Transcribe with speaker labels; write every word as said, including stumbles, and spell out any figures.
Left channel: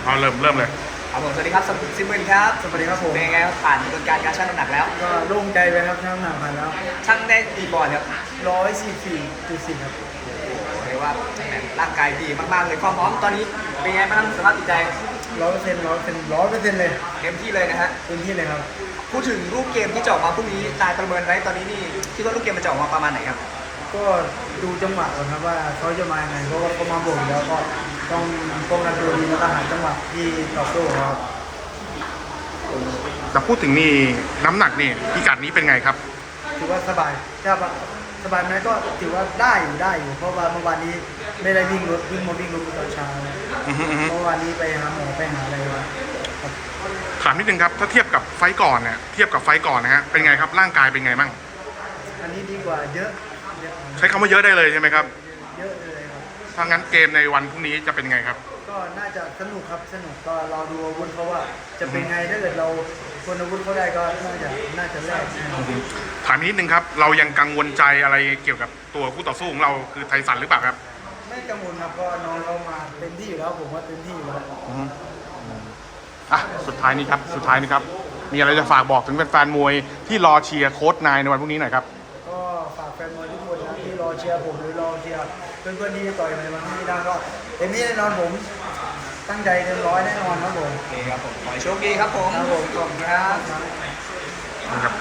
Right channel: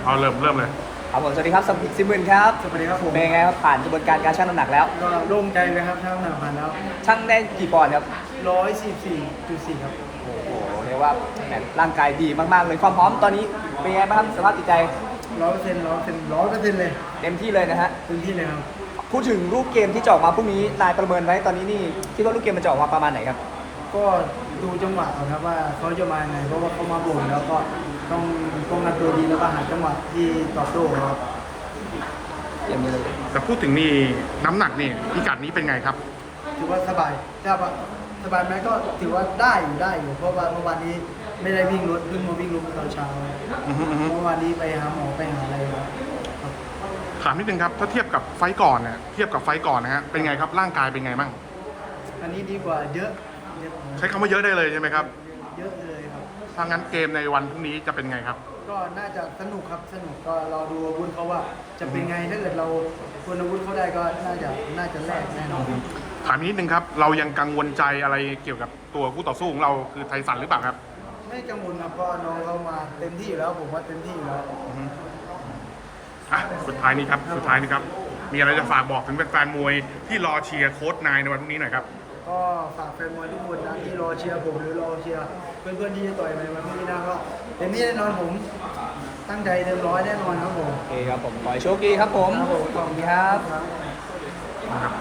Speaker 1: เอาเริ่มเริ่มเลย
Speaker 2: ครับผมสวัสดีครับสมศิมื่นครับ
Speaker 3: สวัสดีครับผม
Speaker 2: เป็นไงครับผ่านกระบวนการการชั่งน้ำหนักแล้ว
Speaker 3: ก็โล่งใจไปครับชั่งน้ำหนักผ่านแล้ว
Speaker 2: ชั่งได้กี่ปอนด์ครับ
Speaker 3: ร้อยสี่สี่จุดสี่ครับ
Speaker 2: เรียกว่าร่างกายดีมากๆเลยความพร้อมตอนนี้เป็นไงบ้างสภาพจิตใจ
Speaker 3: ร้อยเปอร์เซ็นต์ร้อยเปอร์เซ็นต์ร้อยเปอร์เซ็นต์เลย
Speaker 2: เต็มที่เลยนะฮะ
Speaker 3: เต็มที่เลยครับ
Speaker 2: พูดถึงรูปเกมที่จะออกมาพรุ่งนี้ตายประเมินไว้ตอนนี้นี่คิดว่ารูปเกมมันจะออกมาประมาณไหนครับ
Speaker 3: ก็ดูจังหวะก่อนครับว่าเขาจะมาไงเพราะว่าเขามาบ่นแล้วก็ต้องป้องกันตัวดีแล้วก็หาจังหวะที่ตอบโต้ครับ
Speaker 1: แต่พูดถึงนี่น้ำหนักนี่พิกัดนี้เป็นไงครับ
Speaker 3: ถือว่าสบายถ้าสบายไหมก็ถือว่าได้อยู่ได้อยู่เพราะว่าเมื่อวานนี้ไม่ได้วิ่งรถวิ่งมาวิ่งรถตอนเช้าเมื่อวานนี้ไปหาหมอไปหาอะไรครับ
Speaker 1: ถามนิดนึงครับถ้าเทียบกับไฟก่อนเนี่ยเทียบกับไฟก่อนนะฮะเป็นไงครับร่างกายเป็นไงบ้าง
Speaker 3: อันนี้ดีกว่าเยอะ
Speaker 1: ใช้คำว่าเยอะได้เลยใช่ไหมครับ
Speaker 3: เยอะเลยครับ
Speaker 1: ถ้างั้นเกมในวันพรุ่งนี้จะเป็นไงครับ
Speaker 3: ก็น่าจะสนุกครับสนุกก็รอดูอาวุธเขาว่าจะเป็นไงถ้าเกิดเราคนอาวุธเขาได้ก็น่าจะน่าจะแลกแน่นอน
Speaker 1: ถามนิดนึงครับเรายังกังวลใจอะไรเกี่ยวกับตัวคู่ต่อสู้ของเราคือไทสันหรือเปล่าครับ
Speaker 3: ไม่กังวลครับเพราะน้องเรามาเต็มที่อยู่แล้วผมว่าเต็มที่อยู่แล้ว
Speaker 1: อ่ะสุดท้ายนี้ครับสุดท้ายนี้ครับมีอะไรจะฝากบอกถึงแฟนๆมวยที่รอเชียร์โค้ชนายในวันพรุ่งนี้หน่อยครับ
Speaker 3: ก็ฝากแฟนมวยทุกคนนะที่รอเชียร์ผมหรือรอเชียร์เพื่อนๆที่จะต่อยในวันพรุ่งนี้นะก็เต็มที่แน่นอนผมตั้งใจเต็มร้อยแน่นอนครับผม
Speaker 2: โอเคครับผมขอให้โชคดีครับผม
Speaker 3: ครับผมขอบคุณครับ
Speaker 1: นะครับ